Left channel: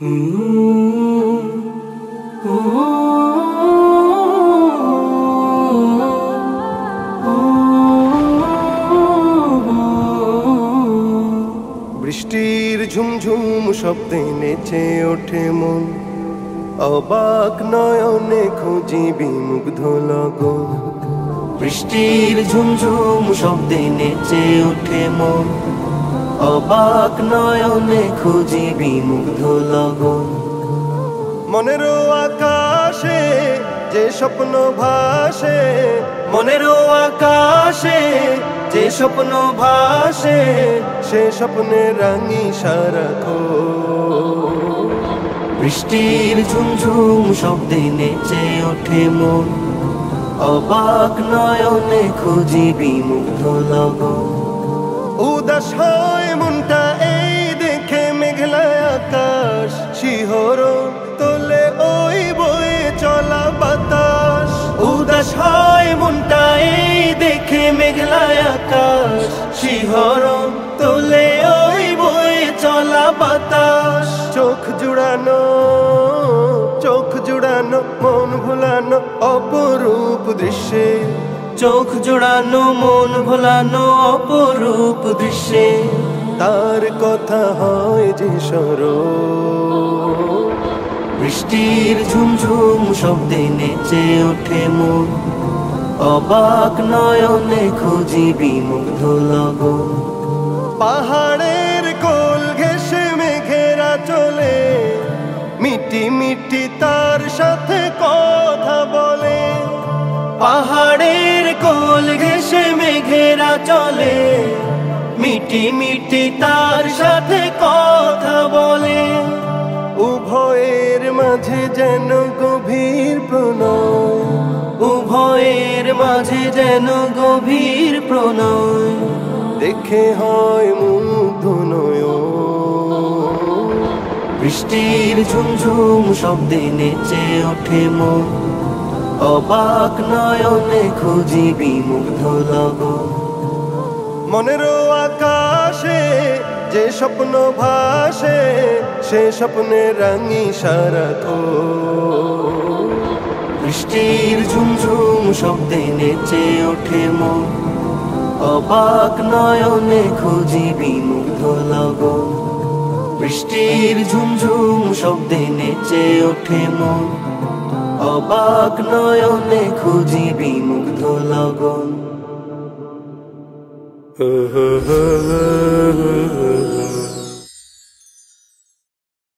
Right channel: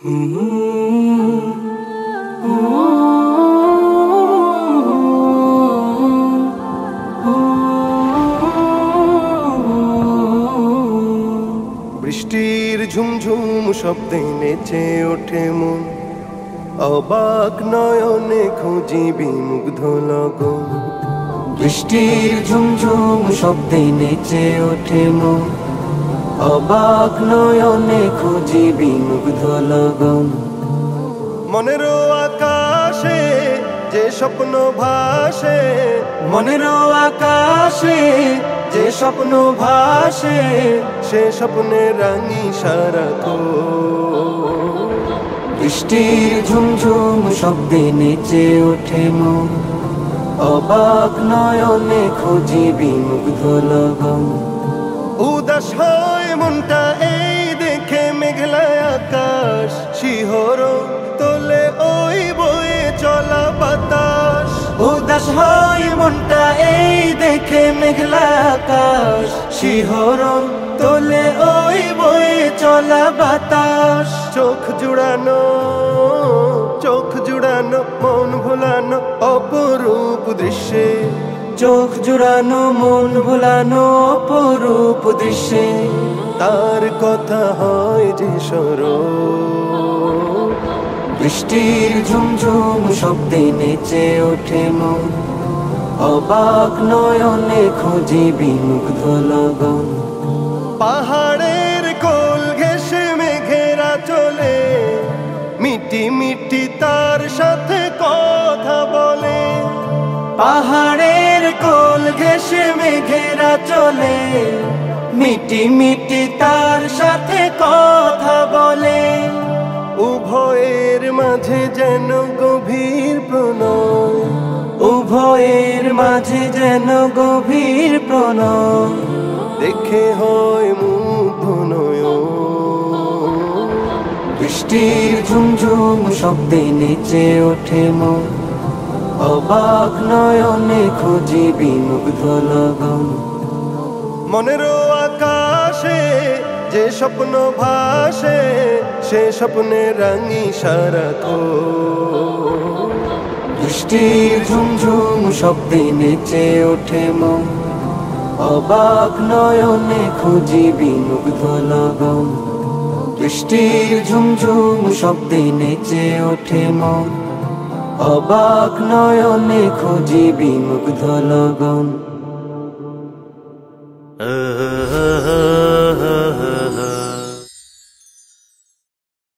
বৃষ্টির ঝুমঝুম শব্দে নেচে ওঠে মন, অবাক নয়নে খুঁজি বিমুগ্ধ লগন। বৃষ্টির ঝুমঝুম শব্দে নেচে ওঠে মন, অবাক নয়নে খুঁজি বিমুগ্ধ লগন। মনের আকাশে যে স্বপ্ন ভাসে, মনের আকাশে যে স্বপ্ন ভাসে, সে স্বপ্নে রাঙি সারাক্ষণ। বৃষ্টির ঝুমঝুম শব্দে নেচে ওঠে মন, অবাক নয়নে খুঁজি বিমুগ্ধ লগন। উদাস হয় মনটা এই দেখে মেঘলা আকাশ, শিহরণ তোলে ওই বয়ে চলা বাতাস। উদাস হয় মনটা এই দেখে মেঘলা আকাশ, শিহরণ তোলে ওই বয়ে চলা বাতাস। চোখ জুড়ানো মন ভোলানো অপরূপ দৃশ্যে, চোখ জুড়ানো মন ভোলানো অপরূপ দৃশ্যে, তার কথা হয় যে স্মরণ। বৃষ্টির ঝুমঝুম শব্দে নেচে ওঠে মন, অবাক নয়নে খুঁজি বিমুগ্ধ লগন। পাহাড়ের কোল ঘেঁষে মেঘেরা চলে, মিটি মিটি তার সাথে কথা বলে। পাহাড়ের কোল ঘেঁষে মেঘেরা চলে, মিটি মিটি তার সাথে কথা বলে। উভয়ের মাঝে যেন গভীর প্রণয়, উভয়ের মাঝে যেন গভীর প্রণয়, দেখে হয় মুগ্ধ নয়ন। বৃষ্টির ঝুমঝুম শব্দে নেচে ওঠে মন, অবাক নয়নে খুঁজি বিমুগ্ধ লগন। মনের আকাশে যে স্বপ্ন ভাসে, সে স্বপ্নে রাঙি সারাক্ষণ। বৃষ্টির ঝুমঝুম শব্দে নেচে ওঠে মন, অবাক নয়নে খুঁজি বিমুগ্ধ লগন। বৃষ্টির ঝুমঝুম শব্দে নেচে ওঠে মন, অবাক নয়নে খুঁজি বিমুগ্ধ লগন।